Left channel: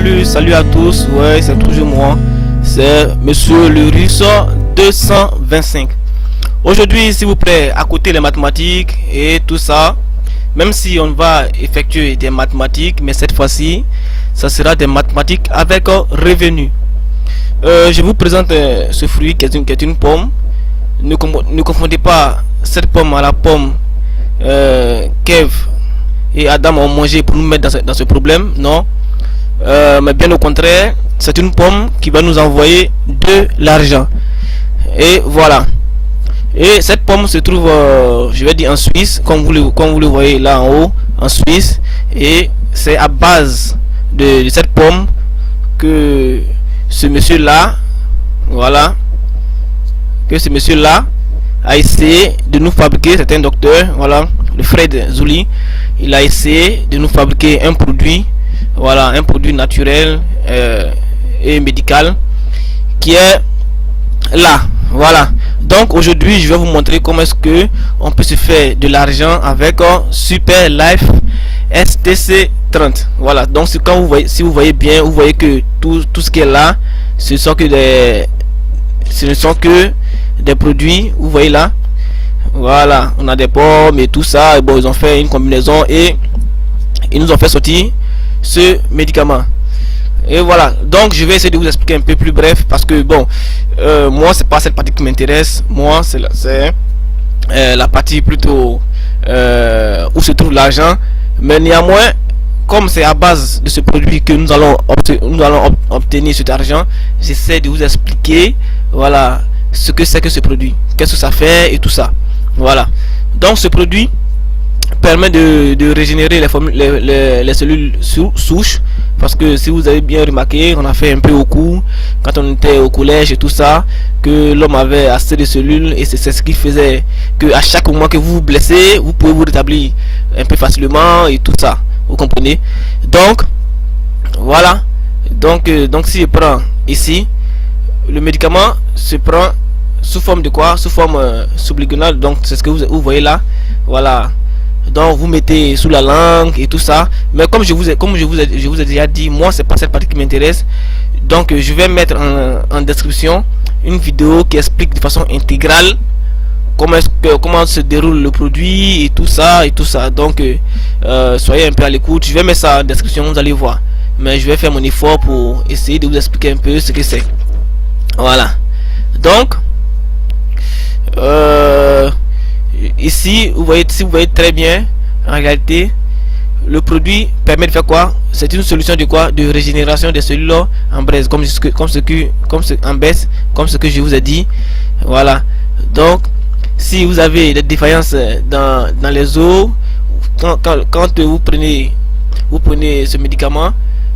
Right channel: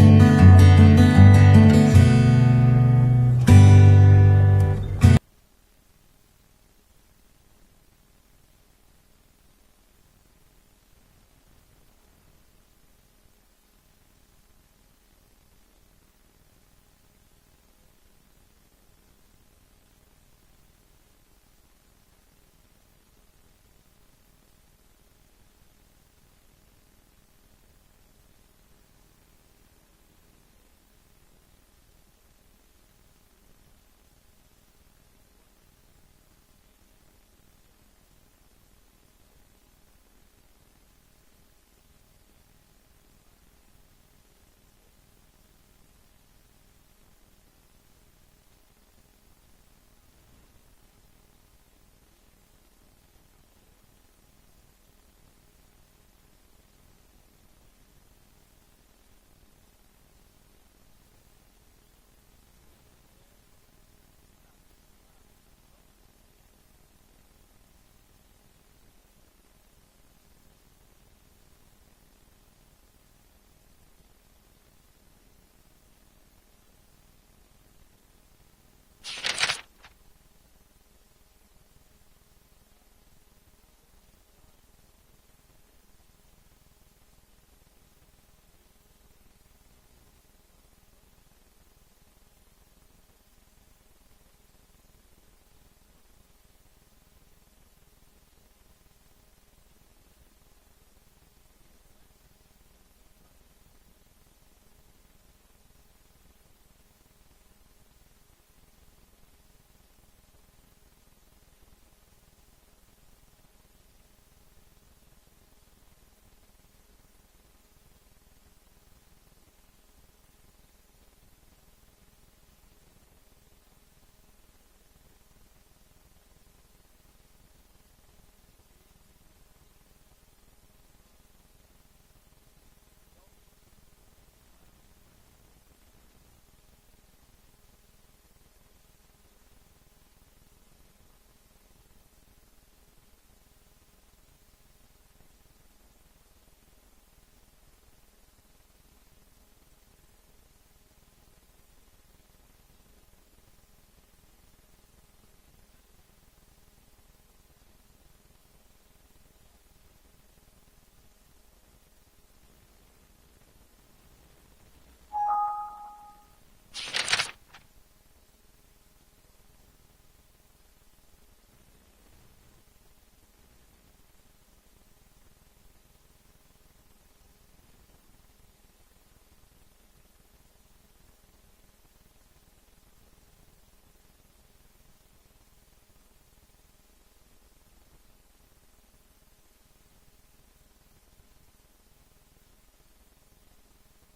Salut à tous, ouais, c'est toujours moi, c'est Monsieur le Russe 225. Aujourd'hui, s'il vous plaît, à côté les mathématiques et tout ça, même si on va effectuer des mathématiques, mais cette fois-ci, ça sera des mathématiques avec revenu. Je vous présente ce fruit qui est une pomme. Ne confondez pas cette pomme à la pomme qu'Ève et Adam ont mangé pour nous mettre dans ce problème, non. Mais bien au contraire, c'est une pomme qui va nous envoyer de l'argent. Et voilà. Et cette pomme se trouve, je vais dire en Suisse, comme vous le voyez là en haut, en Suisse. Et c'est à base de cette pomme que ce monsieur là, voilà, que ce monsieur là a essayé de nous fabriquer. C'est un docteur, voilà, le Fred Zouli. Il a essayé de nous fabriquer un produit, voilà, un produit naturel et médical qui est là, voilà. Donc aujourd'hui je vais vous montrer comment est-ce que on peut se faire de l'argent avec Super Life STC 30. Voilà, donc quand vous voyez, si vous voyez bien, vous voyez que tout ce qui est là, ce ne sont que des produits, vous voyez là. Voilà, on a des pommes et tout ça. Et bon, ils ont fait une combinaison et ils nous ont fait sortir ce médicament. Et voilà, donc je vais essayer de vous expliquer un peu plus bref parce que bon, moi c'est pas cette partie qui m'intéresse. Moi c'est la partie plutôt où se trouve l'argent. Mais néanmoins, comme c'est à base de ce produit que nous allons obtenir cet argent, j'essaie de vous expliquer, voilà, ce que c'est que ce produit, qu'est-ce que ça fait et tout ça. Voilà, donc ce produit permet de régénérer les cellules souches, parce que si vous avez bien remarqué, on a fait un peu au cours quand on était au collège et tout ça, que l'homme avait assez de cellules et c'est ce qui faisait que à chaque moment que vous vous blessez, vous pouvez vous rétablir un peu facilement et tout ça, vous comprenez. Donc voilà, donc si je prends ici, le médicament se prend sous forme de quoi? Sous forme sublinguale. Donc c'est ce que vous voyez là, voilà. Donc vous mettez sous la langue et tout ça. Mais comme je vous ai déjà dit, moi c'est pas cette partie qui m'intéresse. Donc je vais mettre en description une vidéo qui explique de façon intégrale comment se déroule le produit et tout ça. Donc soyez un peu à l'écoute. Je vais mettre ça en description, vous allez voir. Mais je vais faire mon effort pour essayer de vous expliquer un peu ce que c'est. Voilà. Donc ici vous voyez, si vous voyez très bien, en réalité le produit permet de faire quoi? C'est une solution de quoi? De régénération des cellules en braise, comme ce que je vous ai dit. Voilà, donc si vous avez des défaillances dans les os, quand vous prenez ce médicament,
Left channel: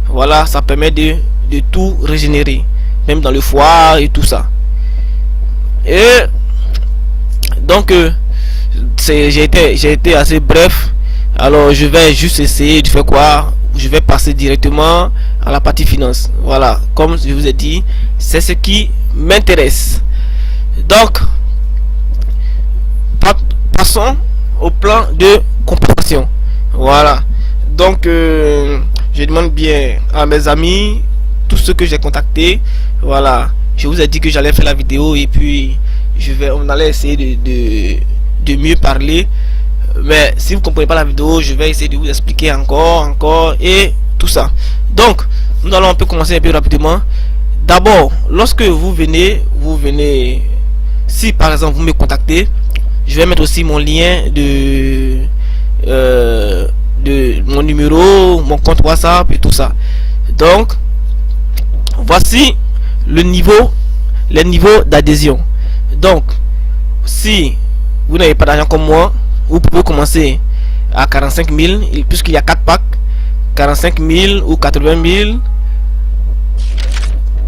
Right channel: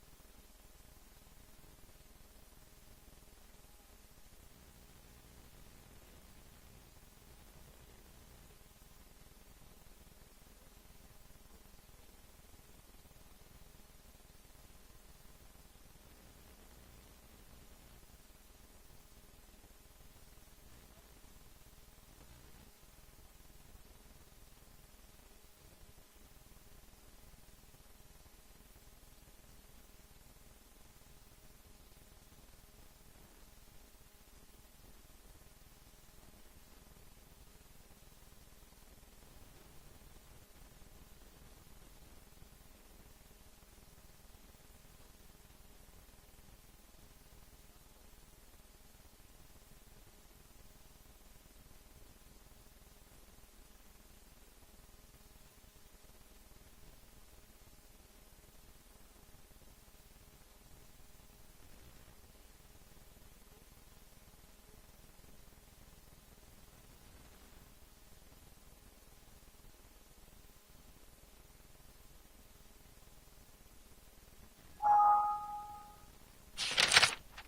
voilà, ça permet de tout régénérer, même dans le foie et tout ça. Et donc j'ai été assez bref. Alors je vais juste essayer de faire quoi? Je vais passer directement à la partie finance. Voilà, comme je vous ai dit, c'est ce qui m'intéresse. Donc passons au plan de compensation. Voilà, donc je demande bien à mes amis, tous ceux que j'ai contactés, voilà, je vous ai dit que j'allais faire la vidéo et puis on allait essayer de mieux parler. Mais si vous comprenez pas la vidéo, je vais essayer de vous expliquer encore et tout ça. Donc nous allons un peu commencer un peu rapidement. D'abord, lorsque vous venez, si par exemple vous me contactez, je vais mettre aussi mon lien de mon numéro, mon compte WhatsApp et tout ça. Donc voici les niveaux d'adhésion. Donc si vous n'avez pas d'argent comme moi, vous pouvez commencer à 45 000, puisqu'il y a 4 packs, 45 000 ou 80 000,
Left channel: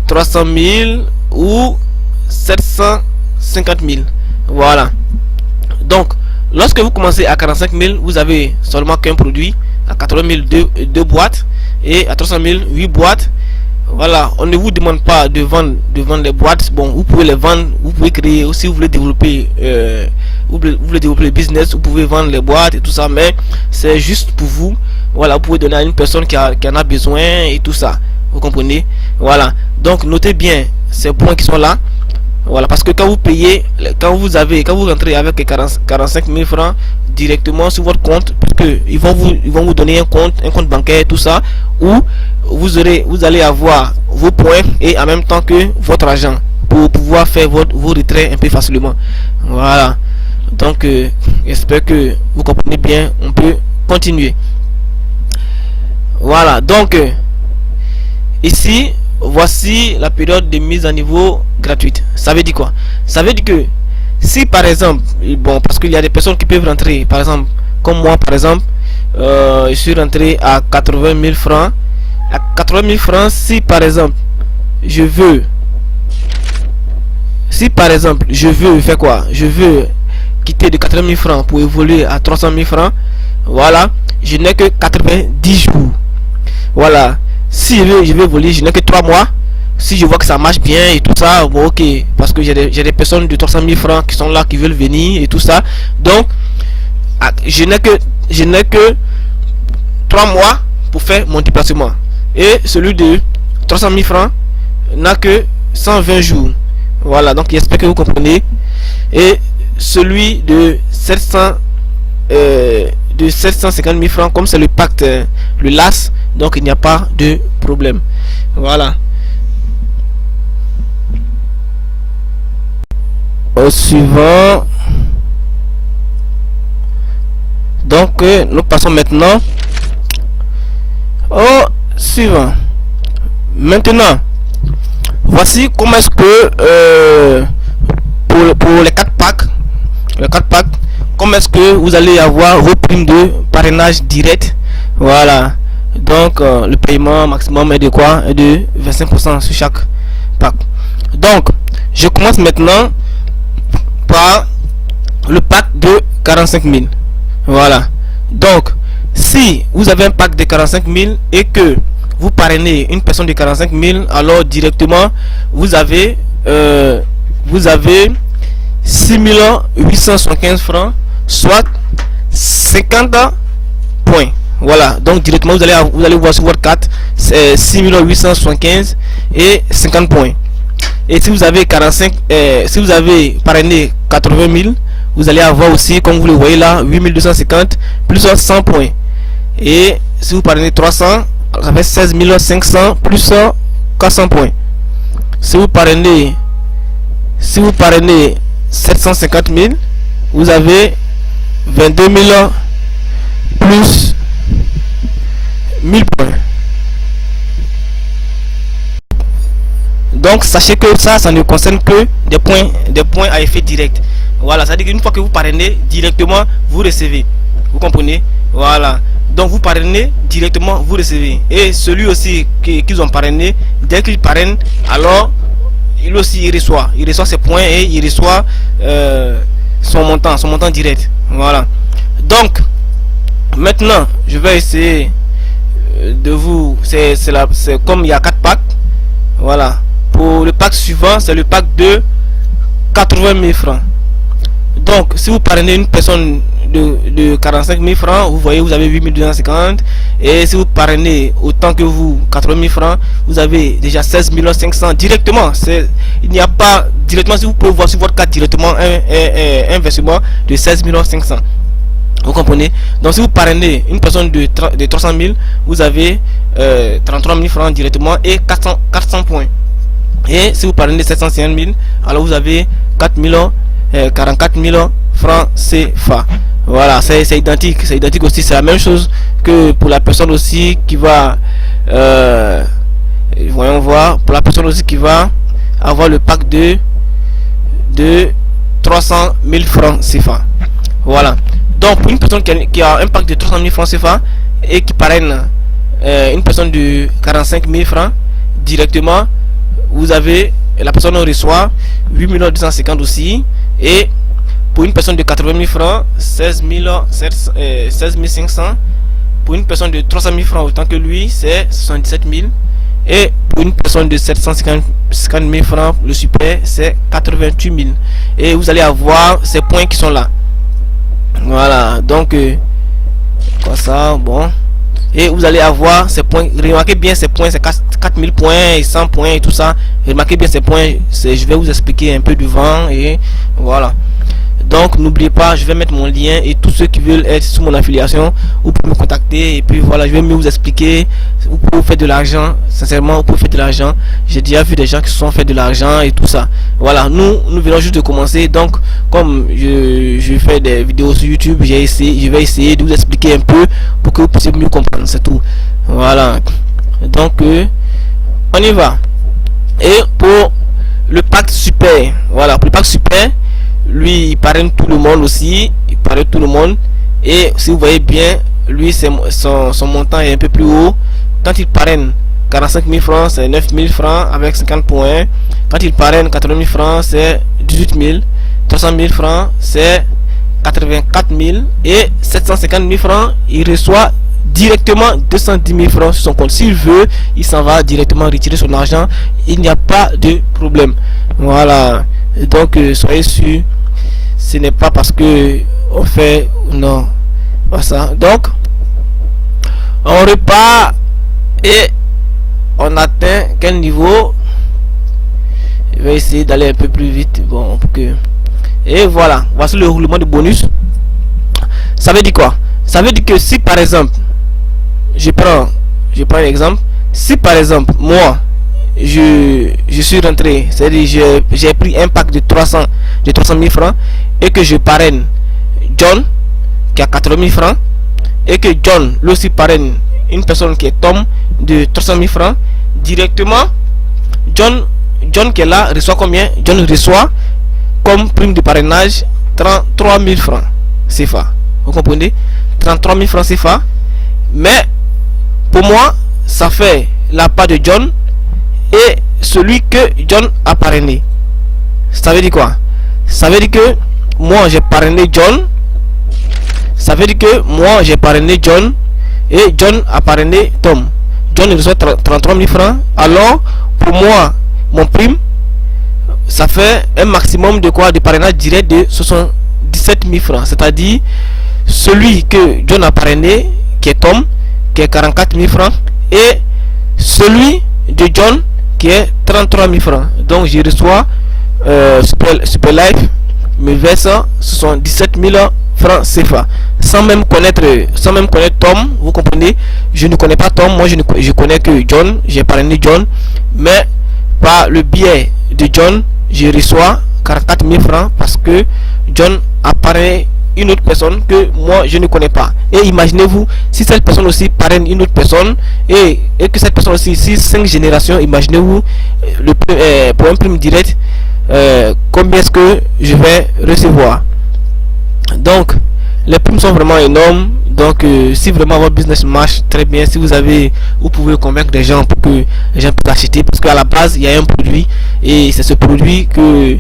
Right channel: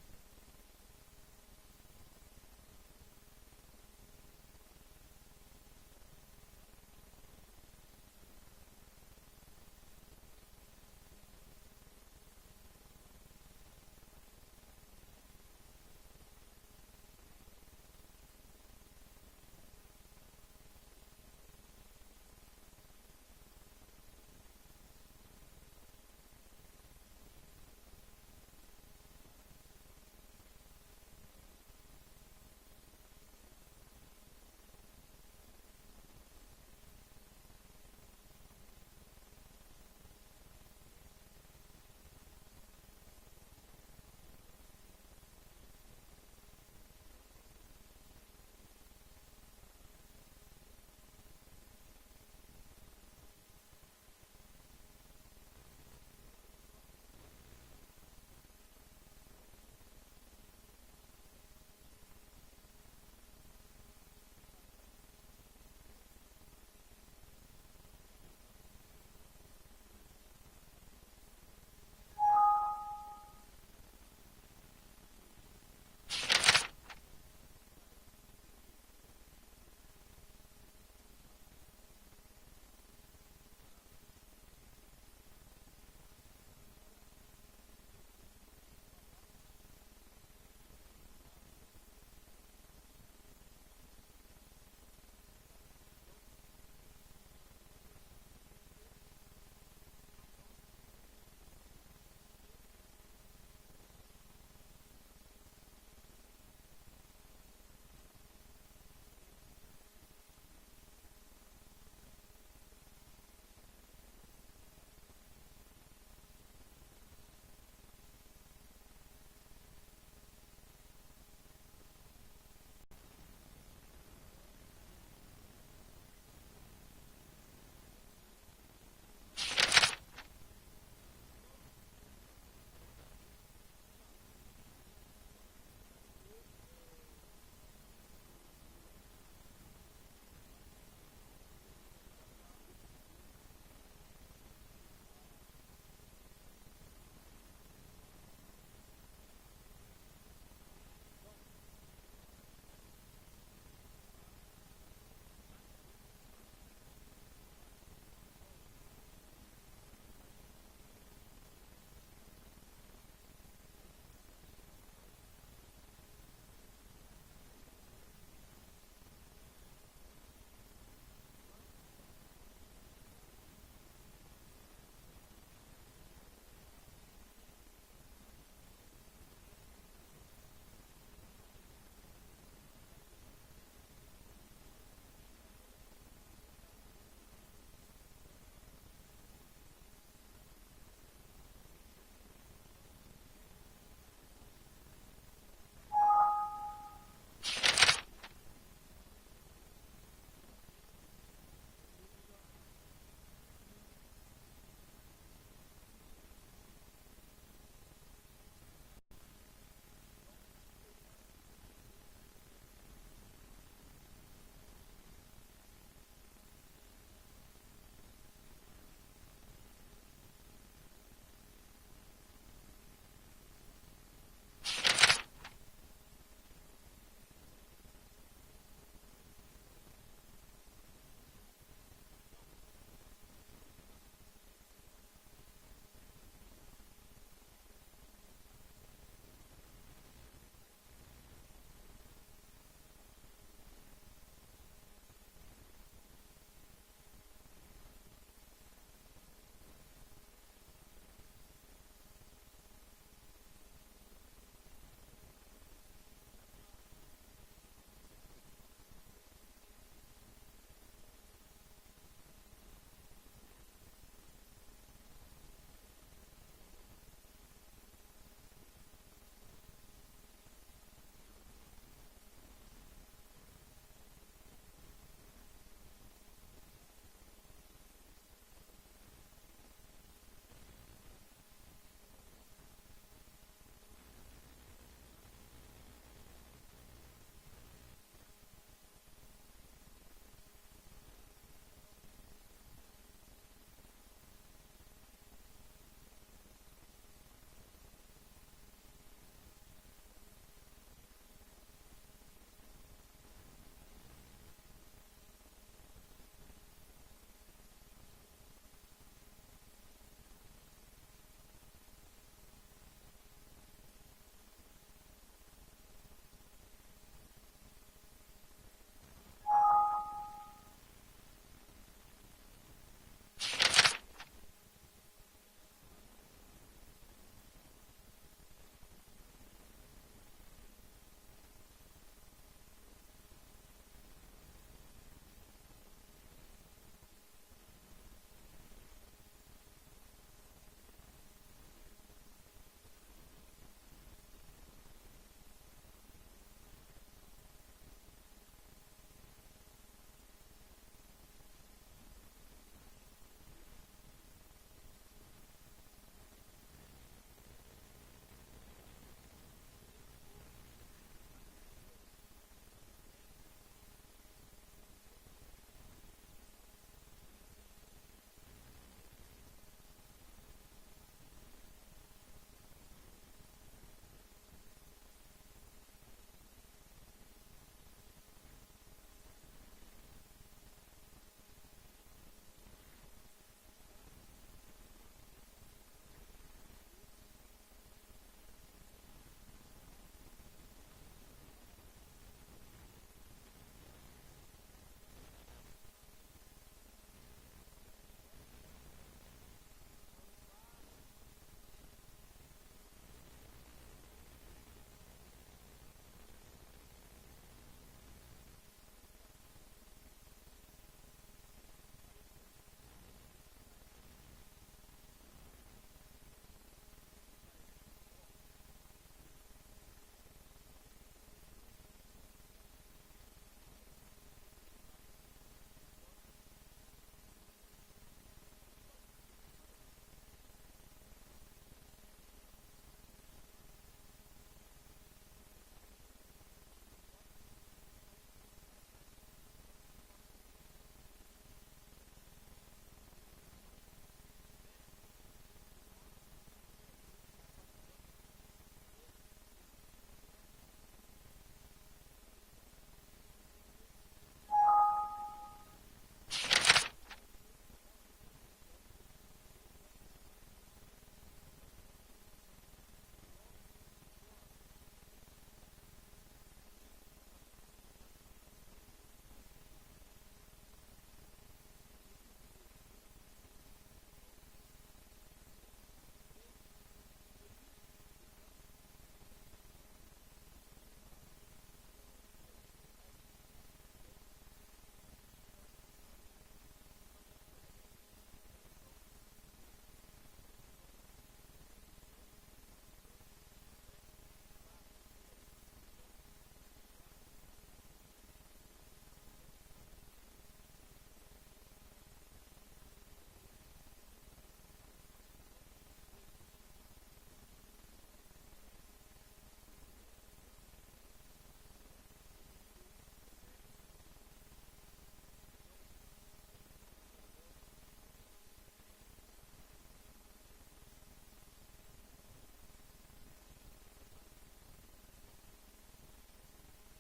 300 000 ou 750 000. Voilà. Donc lorsque vous commencez à 45 000, vous avez seulement qu'un produit. À 80 000, deux boîtes, et à 300 000, 8 boîtes. Voilà, on ne vous demande pas de vendre les boîtes. Bon, vous pouvez les vendre, vous pouvez créer aussi, vous voulez développer vous voulez développer le business, vous pouvez vendre les boîtes et tout ça, mais c'est juste pour vous. Voilà, vous pouvez donner à une personne qui en a besoin et tout ça. Vous comprenez? Voilà. Donc notez bien ces points qui sont là. Voilà, parce que quand vous payez, quand vous rentrez avec 45 000 francs directement sur votre compte, parce que ils vont vous donner un compte bancaire, tout ça, où vous allez avoir vos points et en même temps que votre argent pour pouvoir faire vos retraits un peu facilement. Voilà. Donc, j'espère que vous comprenez bien. On peut continuer. Voilà. Donc, ici, voici la période de mise à niveau gratuite. Ça veut dire quoi? Ça veut dire que si par exemple, bon, parce qu'il y a des personnes qui peuvent rentrer, par exemple, comme moi par exemple, je suis rentré à 80 000 francs. À 80 000 francs, si par exemple, je veux faire quoi? Je veux quitter de 80 000 francs pour évoluer à 300 000 francs. Voilà, je n'ai que 90 jours. Voilà. Si je vais voler, je n'ai que 3 mois. Si je vois que ça marche bien et tout ça, bon, ok. Parce que j'ai des personnes de 300 000 francs qui sont là, qui veulent venir et tout ça. Donc, je n'ai que 3 mois pour faire mon déplacement. Et celui de 300 000 francs n'a que 120 jours. Voilà, donc j'espère que vous comprenez. Et celui de 750 000 francs, comme c'est le pacte, le LAS, donc il n'y a pas de problème. Voilà. Au suivant. Donc nous passons maintenant au suivant. Maintenant, voici comment est-ce que pour les 4 packs, comment est-ce que vous allez avoir vos primes de parrainage direct. Voilà. Donc le paiement maximum est de quoi? Est de 25% sur chaque pack. Donc je commence maintenant par le pack de 45 000. Voilà. Donc si vous avez un pack de 45 000 et que vous parrainez une personne de 45 000, alors directement vous avez 6 875 francs, soit 50 points. Voilà, donc directement vous allez voir sur votre carte, c'est 6 875 et 50 points. Et si vous avez si vous avez parrainé 80 000, vous allez avoir aussi, comme vous le voyez là, 8 250 plus 100 points. Et si vous parrainez 300, ça fait 16 500 plus 400 points. Si vous parrainez 750 000, vous avez 22 000 plus 1000 points. Donc sachez que ça ne concerne que des points à effet direct. Voilà, ça veut dire qu'une fois que vous parrainez directement, vous recevez. Vous comprenez? Voilà. Donc vous parrainez directement, vous recevez. Et celui aussi qu'ils ont parrainé, dès qu'il parraine, alors il aussi il reçoit ses points et il reçoit son montant direct. Voilà. Donc maintenant je vais essayer de vous, c'est comme il y a 4 packs. Voilà. Pour le pack suivant, c'est le pack de 80 000 francs. Donc si vous parrainez une personne de 45 000 francs, vous voyez, vous avez 8 250. Et si vous parrainez autant que vous, 80 000 francs, vous avez déjà 16 500 directement. Il n'y a pas directement, si vous pouvez voir sur votre carte directement un versement de 16 500. Vous comprenez? Donc si vous parrainez une personne de 300 000, vous avez 33 000 francs directement et 400 points. Et si vous parrainez 750 000, alors vous avez 44 000 francs CFA. Voilà, c'est identique aussi, c'est la même chose que pour la personne aussi qui va voyons voir, pour la personne aussi qui va avoir le pack de 300 000 francs CFA. Voilà. Donc pour une personne qui a un pack de 300 000 francs CFA et qui parraine une personne de 45 000 francs directement, vous avez, la personne reçoit 8 250 aussi. Et pour une personne de 80 000 francs, 16 500. Pour une personne de 300 000 francs autant que lui, c'est 77 000. Et pour une personne de 750 000 francs, le super, c'est 88 000. Et vous allez avoir ces points qui sont là. Voilà, donc comme ça, bon, et vous allez avoir ces points. Remarquez bien ces points, c'est 4000 points et 100 points et tout ça. Remarquez bien ces points, je vais vous expliquer un peu devant et voilà. Donc n'oubliez pas, je vais mettre mon lien et tous ceux qui veulent être sous mon affiliation, vous pouvez me contacter et puis voilà, je vais mieux vous expliquer. Vous pouvez faire de l'argent, sincèrement, vous pouvez faire de l'argent. J'ai déjà vu des gens qui se sont fait de l'argent et tout ça. Voilà, nous venons juste de commencer. Donc comme je fais des vidéos sur YouTube, je vais essayer de vous expliquer un peu pour que vous puissiez mieux comprendre, c'est tout. Voilà, donc on y va. Et pour le pack super, voilà, pour le pack super, lui il parraine tout le monde aussi, il parraine tout le monde. Et si vous voyez bien, lui son montant est un peu plus haut. Quand il parraine 45 000 francs, c'est 9 000 francs avec 50 points. Quand il parraine 80 000 francs, c'est 18 000. 300 000 francs, c'est 84 000. Et 750 000 francs, il reçoit directement 210 000 francs sur son compte. S'il veut, il s'en va directement retirer son argent. Il n'y a pas de problème. Voilà. Donc soyez sûr, ce n'est pas parce que on fait, non, pas ça. Donc on repart et on atteint quel niveau? Je vais essayer d'aller un peu plus vite. Bon, pour que... Et voilà, voici le roulement de bonus. Ça veut dire quoi? Ça veut dire que si par exemple, je prends un exemple. Si par exemple moi je suis rentré, c'est-à-dire j'ai pris un pack de 300 000 francs et que je parraine John qui a 80 000 francs et que John lui aussi parraine une personne qui est Tom de 300 000 francs, directement John qui est là reçoit combien? John reçoit comme prime de parrainage 33 000 francs CFA. Vous comprenez? 33 000 francs CFA. Mais pour moi ça fait la part de John et celui que John a parrainé. Ça veut dire quoi? Ça veut dire que moi j'ai parrainé John. Ça veut dire que moi j'ai parrainé John et John a parrainé Tom. John reçoit 33 000 francs. Alors pour moi mon prime, ça fait un maximum de quoi? De parrainage direct de 77 000 francs. C'est-à-dire celui que John a parrainé, qui est Tom, qui est 44 000 francs, et celui de John qui est 33 000 francs. Donc je reçois Super Life me verse 77 000 francs CFA sans même connaître Tom. Vous comprenez? Je ne connais pas Tom, moi je connais que John. J'ai parrainé John, mais par le biais de John je reçois 44 000 francs parce que John a parrainé une autre personne que moi je ne connais pas. Et imaginez-vous si cette personne aussi parraine une autre personne et que cette personne aussi, si 5 générations, imaginez-vous pour un prime direct, combien est-ce que je vais recevoir. Donc les primes sont vraiment énormes. Donc si vraiment votre business marche très bien, si vous pouvez convaincre des gens pour que les gens puissent acheter, parce qu'à la base il y a un produit et c'est ce produit que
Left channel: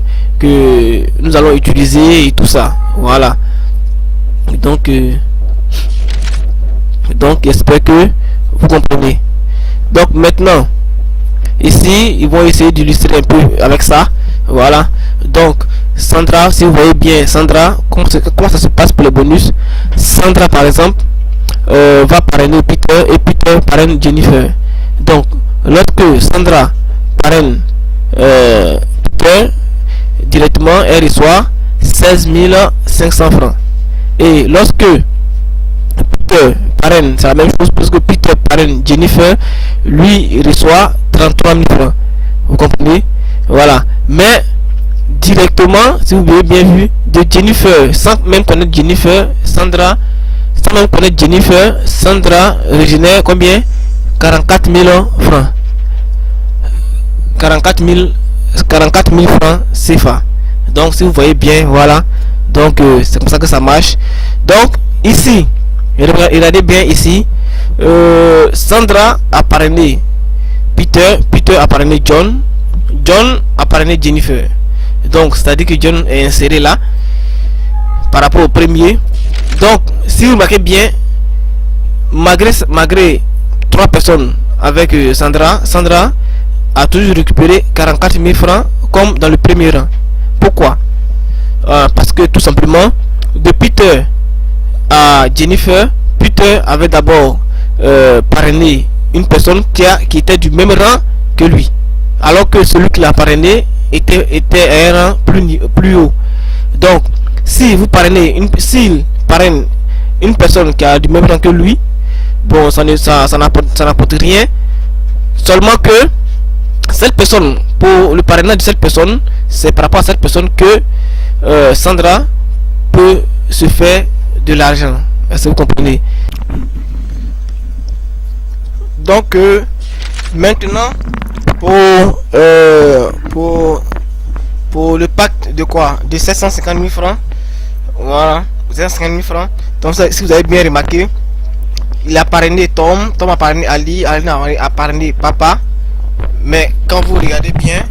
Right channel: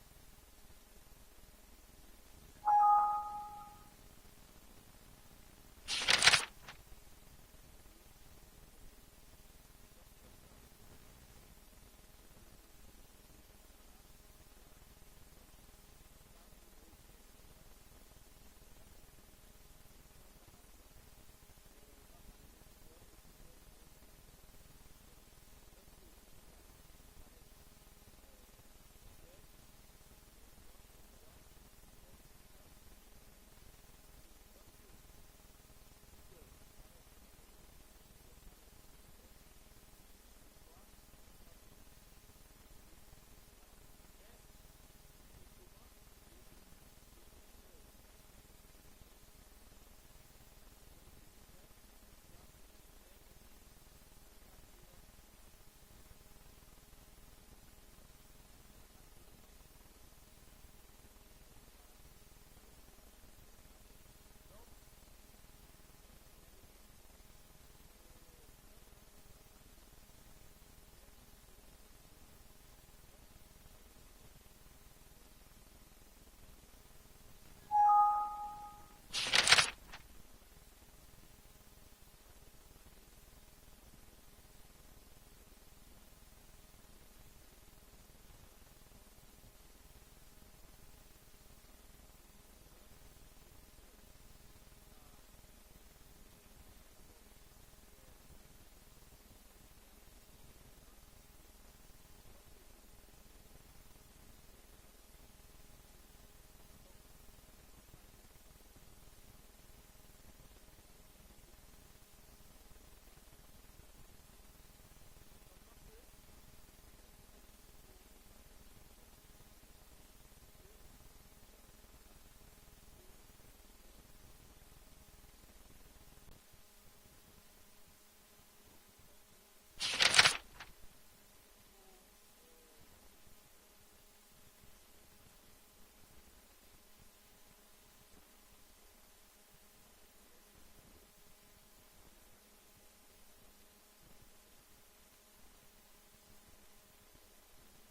nous allons utiliser et tout ça. Voilà. Donc j'espère que vous comprenez. Donc maintenant ici ils vont essayer d'illustrer un peu avec ça. Voilà. Donc Sandra, si vous voyez bien Sandra, comment ça se passe pour les bonus. Sandra par exemple va parrainer Peter et Peter parraine Jennifer. Donc lorsque Sandra parraine Peter, directement elle reçoit 16 500 francs. Et lorsque Peter parraine, c'est la même chose parce que Peter parraine Jennifer, lui il reçoit 33 000 francs. Vous comprenez? Voilà. Mais directement, si vous avez bien vu, de Jennifer, sans même connaître Jennifer, Sandra, sans même connaître Jennifer, Sandra régénère combien? 44 000 francs. 44 000 francs CFA. Donc si vous voyez bien, voilà. Donc c'est comme ça que ça marche. Donc ici, regardez bien ici, Sandra a parrainé Peter, Peter a parrainé John, John a parrainé Jennifer. Donc c'est à dire que John est inséré là par rapport au premier. Donc si vous remarquez bien, malgré 3 personnes avec Sandra a toujours récupéré 44 000 francs comme dans le premier rang. Pourquoi? Parce que tout simplement de Peter à Jennifer, Peter avait d'abord parrainer une personne qui était du même rang que lui, alors que celui qui l'a parrainé était à un rang plus haut. Donc, si vous parrainez s'il parraine une personne qui a du même rang que lui, bon, ça n'apporte rien. Seulement que cette personne, pour le parrainage de cette personne, c'est par rapport à cette personne que Sandra peut se faire de l'argent. Est-ce que vous comprenez? Donc maintenant pour le pacte de quoi, de 750 000 francs, voilà, 750 000 francs. Donc si vous avez bien remarqué, il a parrainé Tom a parrainé Ali a parrainé Papa. Mais quand vous regardez bien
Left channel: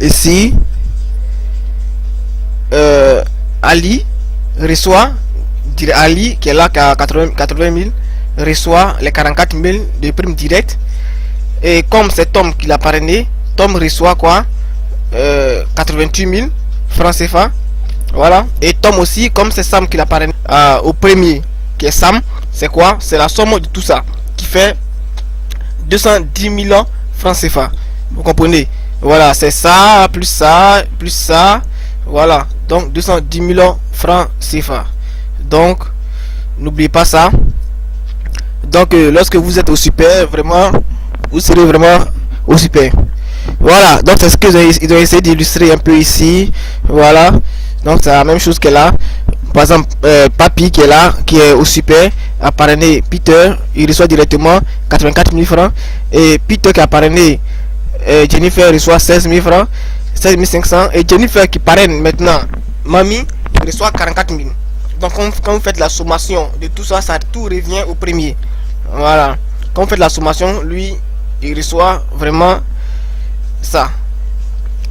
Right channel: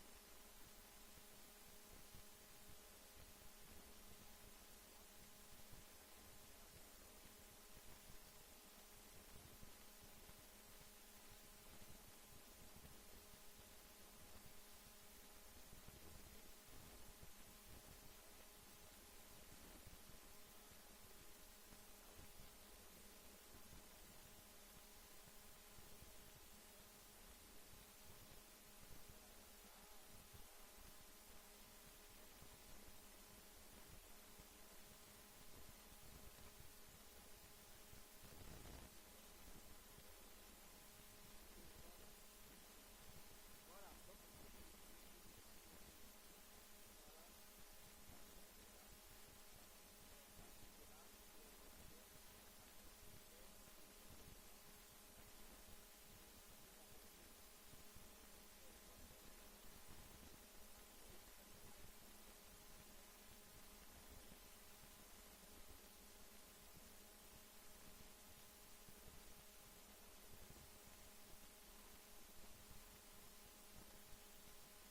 ici, Ali reçoit, Ali qui est là, qui a 80 000, reçoit les 44 000 de prime directe. Et comme c'est Tom qui l'a parrainé, Tom reçoit quoi, 88 000 francs CFA. Voilà. Et Tom aussi, comme c'est Sam qui l'a parrainé au premier, qui est Sam, c'est quoi, c'est la somme de tout ça qui fait 210 000 francs CFA. Vous comprenez? Voilà, c'est ça, plus ça, plus ça. Voilà, donc 210 000 francs CFA. Donc, n'oubliez pas ça. Donc, lorsque vous êtes au super, vraiment, vous serez vraiment au super. Voilà, donc c'est ce qu'ils ont essayé d'illustrer un peu ici. Voilà, donc c'est la même chose que là. Par exemple, Papy qui est là, qui est au super, a parrainé Peter, il reçoit directement 84 000 francs. Et Peter qui a parrainé Jennifer reçoit 16 000 francs, 16 500. Et Jennifer qui parraine maintenant Mamie reçoit 44 000. Donc quand vous faites la sommation de tout ça, ça tout revient au premier. Voilà, quand vous faites la sommation, lui il reçoit vraiment ça.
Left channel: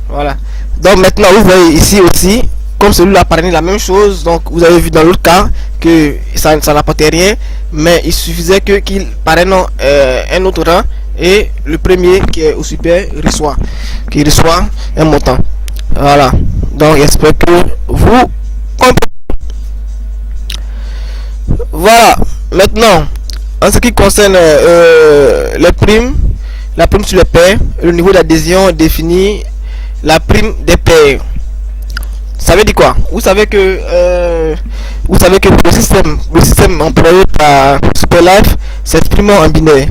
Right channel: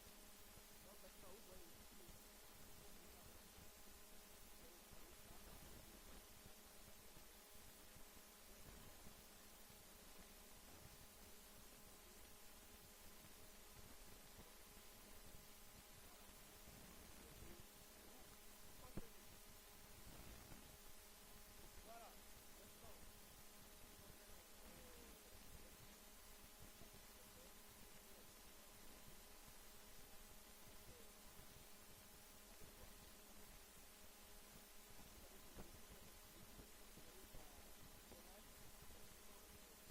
Voilà, donc maintenant vous voyez ici aussi, comme celui-là parrainé la même chose. Donc vous avez vu dans l'autre cas que ça n'apportait rien, mais il suffisait qu'il parraine un autre rang, et le premier qui est au super reçoit un montant. Voilà, donc j'espère que vous comprenez. Voilà, maintenant en ce qui concerne les primes, la prime sur les pairs, le niveau d'adhésion définit la prime des pairs. Ça veut dire quoi? Vous savez que le système employé par Superlife s'exprime en binaire.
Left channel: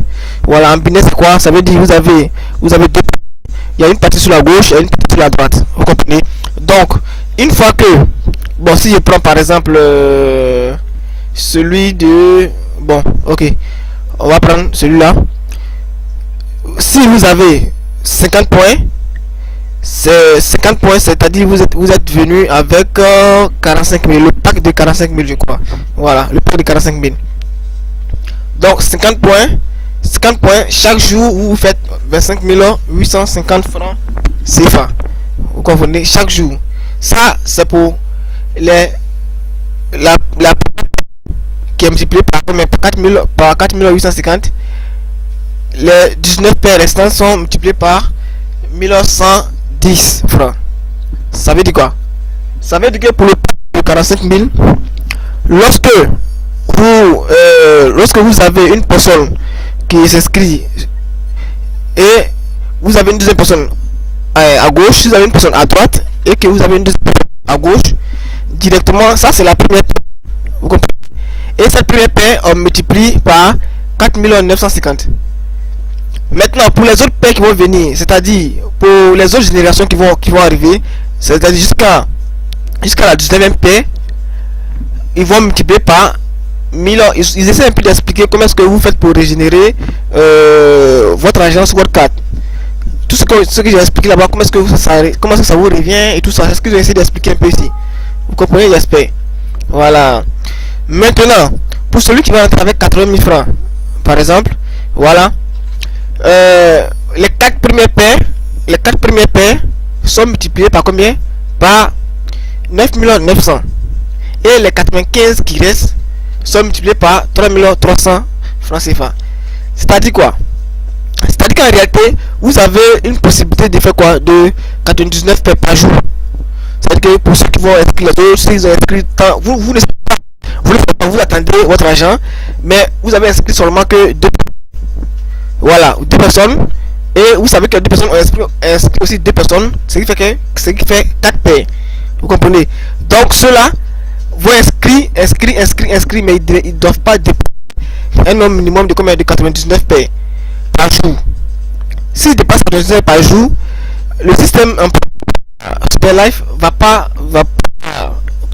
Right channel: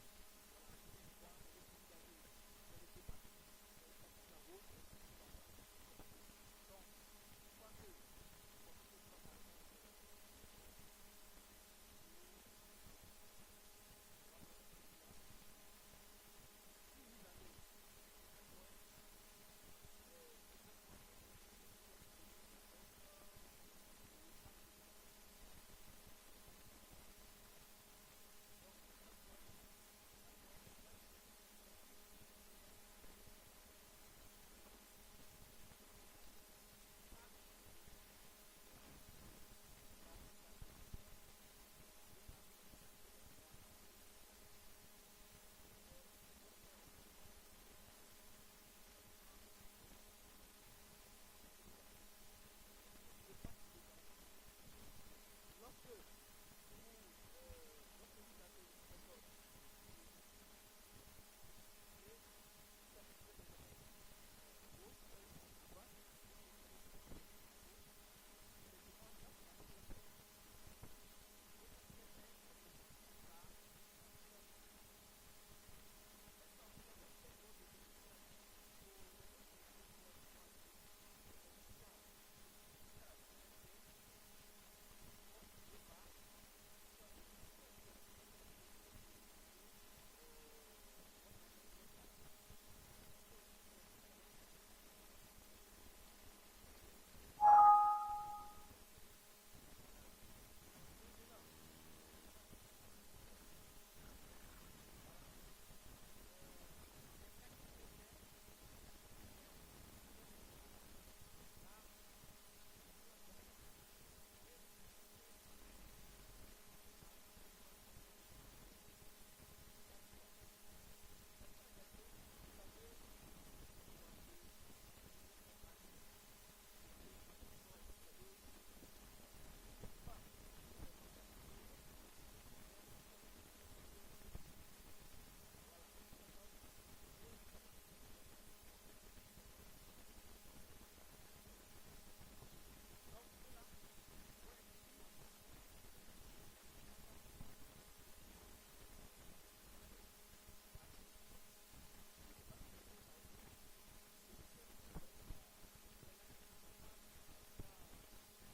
Voilà, en binaire c'est quoi? Ça veut dire vous avez deux, il y a une partie sur la gauche et une partie sur la droite. Vous comprenez? Donc une fois que, bon, si je prends par exemple celui de, bon, ok, on va prendre celui-là. Si vous avez 50 points, c'est 50 points, c'est-à-dire vous êtes venu avec 45 000, le pack de 45 000 je crois. Voilà, le pack de 45 000. Donc 50 points, chaque jour vous faites 25 850 francs CFA. Vous comprenez? Chaque jour. Ça c'est pour la qui est multiplié par 4 850. Les 19 paires restantes sont multipliées par 1110 francs. Ça veut dire quoi? Ça veut dire que pour le 45 000, lorsque vous avez une personne qui s'inscrit et vous avez une deuxième personne à gauche, vous avez une personne à droite et que vous avez une deuxième personne à gauche, directement, ça c'est la première paire. Vous comprenez? Et cette première paire on multiplie par 4 950. Maintenant pour les autres paires qui vont venir, c'est-à-dire pour les autres générations qui vont arriver, c'est-à-dire jusqu'à la 19e paire, ils vont multiplier par 1000. Ils essaient un peu d'expliquer comment est-ce que vous faites pour régénérer votre agence WordCard. Tout ce que j'ai expliqué là-bas, comment est-ce que ça vous revient et tout ça, c'est ce que j'ai essayé d'expliquer un peu ici. Vous comprenez, j'espère. Voilà. Maintenant, pour celui qui va rentrer avec 80 000 francs, par exemple, voilà, les 4 premières paires sont multipliées par combien? Par 9 900. Et les 95 qui restent sont multipliés par 3 300 francs CFA. C'est-à-dire quoi? C'est-à-dire qu'en réalité, vous avez une possibilité de faire quoi? De 99 paires par jour. C'est-à-dire que pour ceux qui vont inscrire les autres, s'ils ont inscrit tant, vous ne savez pas. Vous ne faites pas, vous attendez votre argent, mais vous avez inscrit seulement que deux, voilà, deux personnes. Et vous savez que deux personnes ont inscrit aussi deux personnes, ce qui fait quatre paires. Vous comprenez? Donc ceux-là vont inscrire, mais ils ne doivent pas dépasser un nombre minimum de combien? De 99 paires par jour. S'ils dépassent 99 par jour, le système Super Life va pas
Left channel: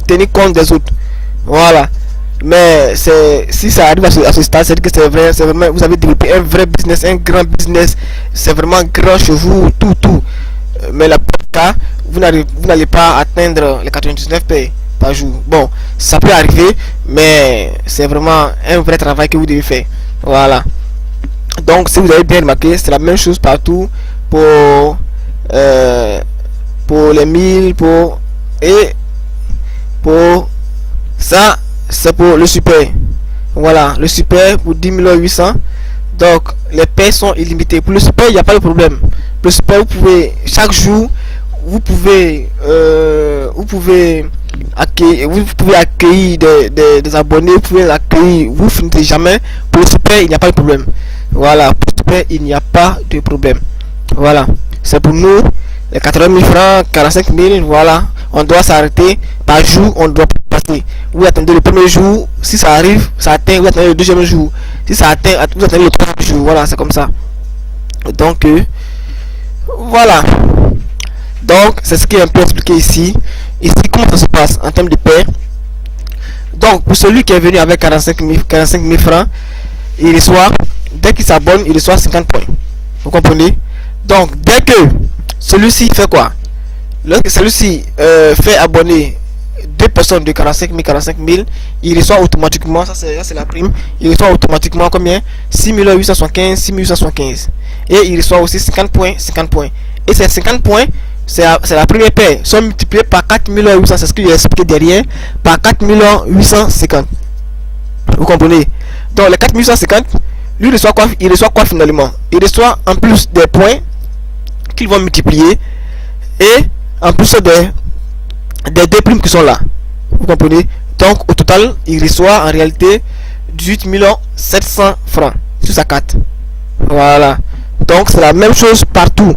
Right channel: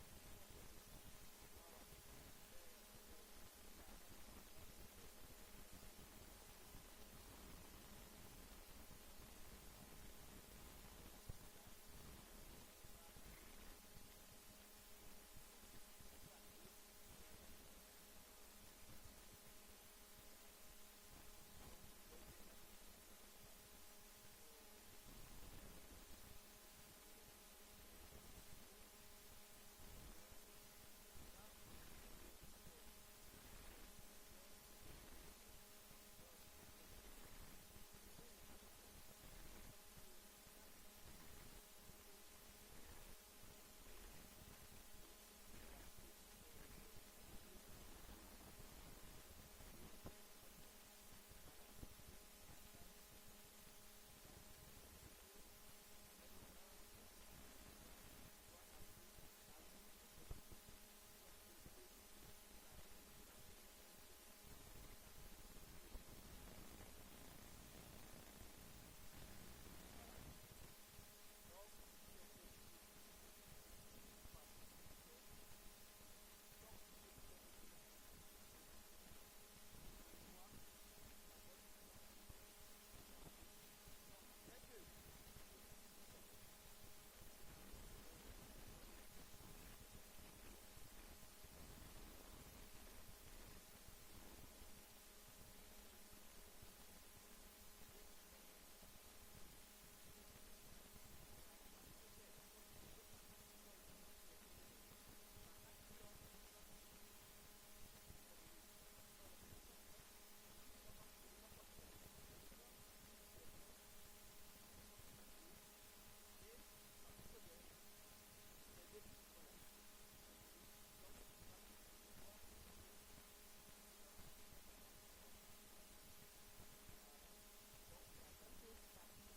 tenir compte des autres. Voilà. Mais si ça arrive à ce stade, c'est que c'est vraiment, vous avez développé un vrai business, un grand business, c'est vraiment grand chez vous, tout. Mais la cas, vous n'allez pas atteindre les 99 paires par jour. Bon, ça peut arriver, mais c'est vraiment un vrai travail que vous devez faire. Voilà. Donc, si vous avez bien remarqué, c'est la même chose partout pour les 1000, pour ça, c'est pour le super. Voilà, le super pour 10 800. Donc, les paires sont illimitées. Pour le super, il n'y a pas de problème. Le super, vous pouvez, chaque jour, vous pouvez accueillir des abonnés, vous pouvez accueillir, vous finissez jamais. Pour le super, il n'y a pas de problème. Voilà, pour le super, il n'y a pas de problème. Voilà, c'est pour nous, les 80 000 francs, 45 000, voilà. On doit s'arrêter par jour, on doit passer. Vous attendez le premier jour, si ça arrive, ça atteint, vous attendez le deuxième jour. Si ça atteint, vous attendez le troisième jour. Voilà, c'est comme ça. Donc, voilà. Donc, c'est ce qui est un peu expliqué ici. Ici, comment ça se passe en termes de paie. Donc, pour celui qui est venu avec 45 000 francs, il reçoit, dès qu'il s'abonne, il reçoit 50 points. Vous comprenez? Donc, dès que celui-ci fait quoi? Lorsque celui-ci fait abonner deux personnes de 45 000, il reçoit automatiquement, ça c'est la prime, il reçoit automatiquement combien? 6 875. Et il reçoit aussi 50 points. Et ces 50 points, c'est la première paire, sont multipliés par 4 800, c'est ce que j'ai expliqué derrière, par 4 850. Vous comprenez? Donc les 4 850, lui reçoit quoi? Il reçoit quoi finalement? Il reçoit en plus des points qu'ils vont multiplier et en plus des deux primes qui sont là. Vous comprenez? Donc au total, il reçoit en réalité 18 700 francs sur sa carte. Voilà. Donc c'est la même chose partout.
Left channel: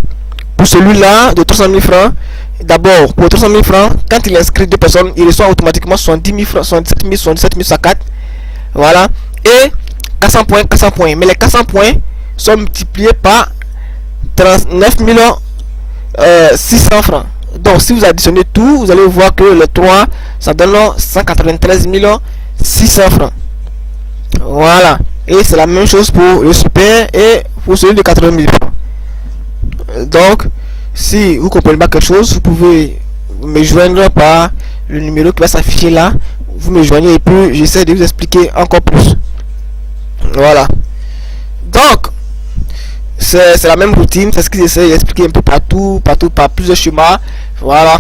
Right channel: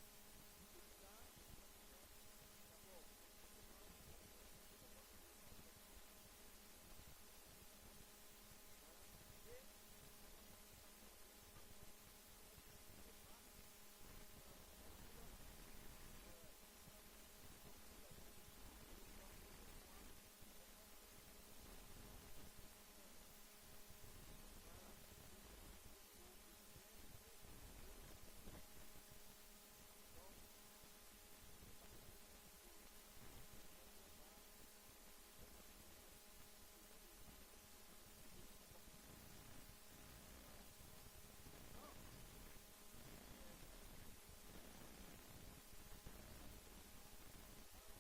Pour celui-là de 300 000 francs, d'abord pour 300 000 francs, quand il inscrit deux personnes, il reçoit automatiquement 70 000 francs, 77 000 sur sa carte. Voilà. Et 400 points. Mais les 400 points sont multipliés par 39 600 francs. Donc si vous additionnez tout, vous allez voir que les 3, ça donne 193 600 francs. Voilà. Et c'est la même chose pour le super et pour celui de 80 000 francs. Donc, si vous comprenez pas quelque chose, vous pouvez me joindre par le numéro qui va s'afficher là. Vous me joignez et puis j'essaie de vous expliquer encore plus. Voilà. Donc, c'est la même routine, c'est ce qu'ils essaient d'expliquer un peu partout, par plusieurs schémas. Voilà.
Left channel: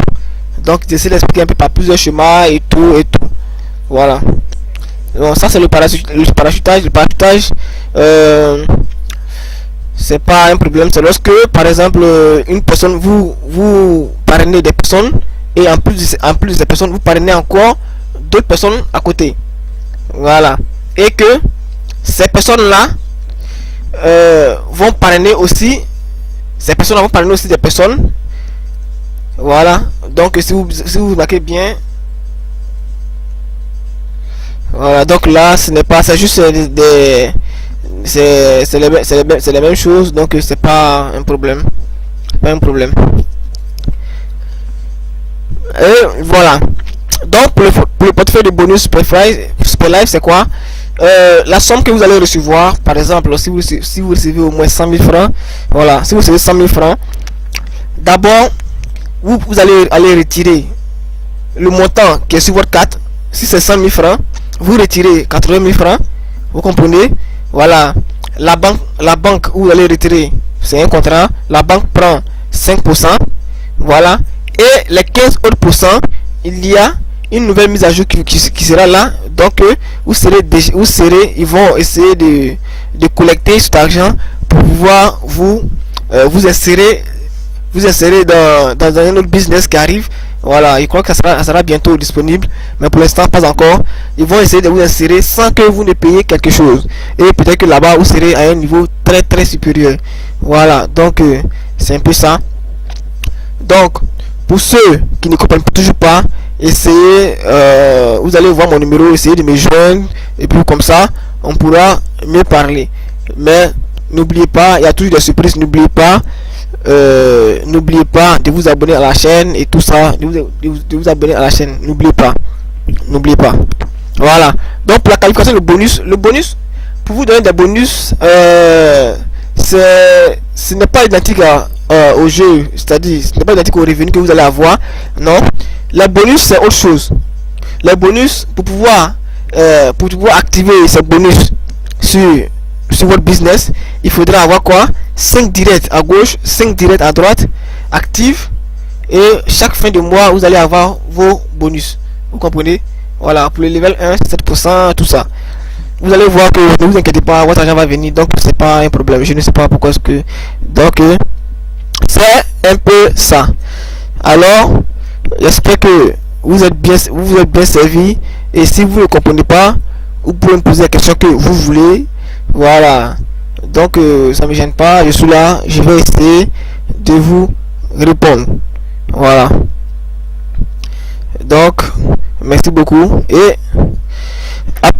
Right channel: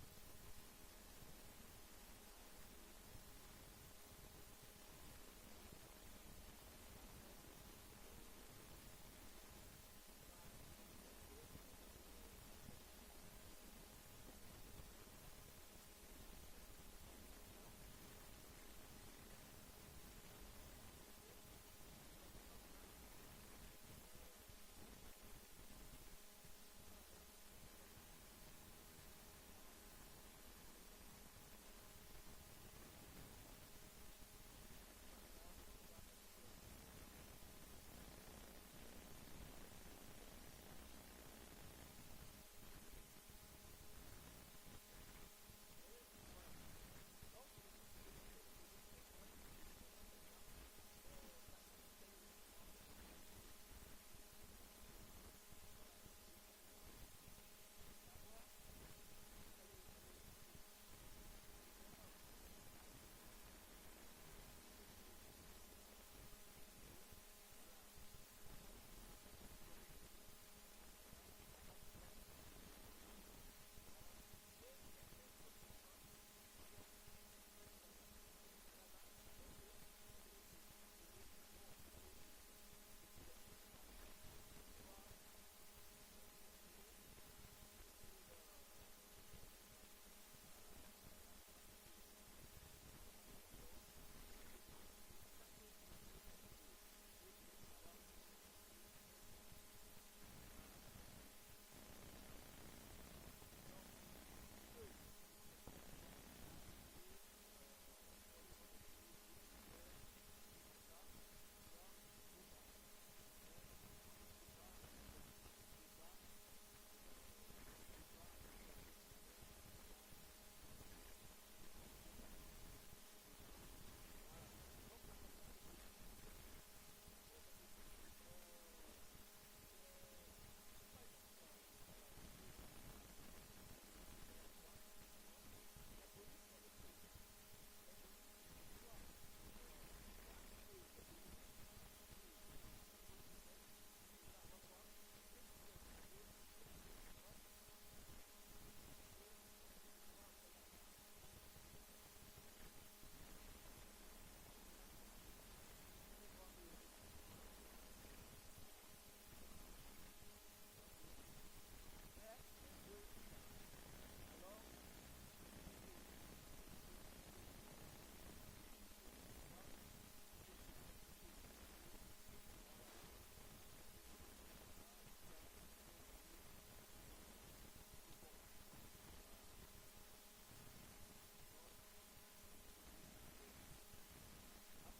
Donc, j'essaie d'expliquer un peu par plusieurs schémas et tout. Voilà. Donc, ça, c'est le parachutage. Le parachutage, c'est pas un problème. C'est lorsque, par exemple, une personne, vous parrainez des personnes et en plus des personnes, vous parrainez encore d'autres personnes à côté. Voilà. Et que ces personnes-là vont parrainer aussi des personnes. Voilà. Donc si vous marquez bien, voilà. Donc là, ce n'est pas, c'est juste c'est les mêmes choses. Donc c'est pas un problème. Et voilà. Donc pour le portefeuille de bonus Super Life, c'est quoi? La somme que vous allez recevoir, par exemple, si vous recevez au moins 100 000 francs, voilà, si vous recevez 100 000 francs, d'abord, vous allez retirer le montant qui est sur votre carte. Si c'est 100 000 francs, vous retirez 80 000 francs, vous comprenez? Voilà, la banque où vous allez retirer, c'est un contrat, la banque prend 5%, voilà, et les 15 autres pourcents, il y a une nouvelle mise à jour qui sera là. Donc ils vont essayer de collecter cet argent pour pouvoir vous insérer dans un autre business qui arrive. Voilà, je crois que ça sera bientôt disponible, mais pour l'instant pas encore. Ils vont essayer de vous insérer sans que vous ne payiez quelque chose. Et peut-être que là-bas vous serez à un niveau très très supérieur. Voilà, donc c'est un peu ça. Donc, pour ceux qui ne comprennent toujours pas, essayez, vous allez voir mon numéro, essayez de me joindre, et puis comme ça, on pourra mieux parler. Mais n'oubliez pas, il y a toujours des surprises, n'oubliez pas de vous abonner à la chaîne et tout ça, de vous abonner à la chaîne, n'oubliez pas. Voilà. Donc pour la qualification, le bonus, pour vous donner des bonus, ce n'est pas identique au jeu, c'est-à-dire ce n'est pas identique au revenu que vous allez avoir. Non, les bonus c'est autre chose. Les bonus pour pouvoir activer ces bonus sur votre business, il faudra avoir quoi? 5 directs à gauche, 5 directs à droite actifs, et chaque fin de mois vous allez avoir vos bonus, vous comprenez? Voilà, pour le level 1 7%, tout ça. Vous allez voir que ne vous inquiétez pas, votre argent va venir, donc c'est pas un problème. Je ne sais pas pourquoi est-ce que, donc c'est un peu ça. Alors j'espère que vous êtes bien servi, et si vous ne comprenez pas, vous pouvez me poser la question que vous voulez. Voilà, donc ça me gêne pas, je suis là, je vais essayer de vous répondre. Voilà, donc merci beaucoup et à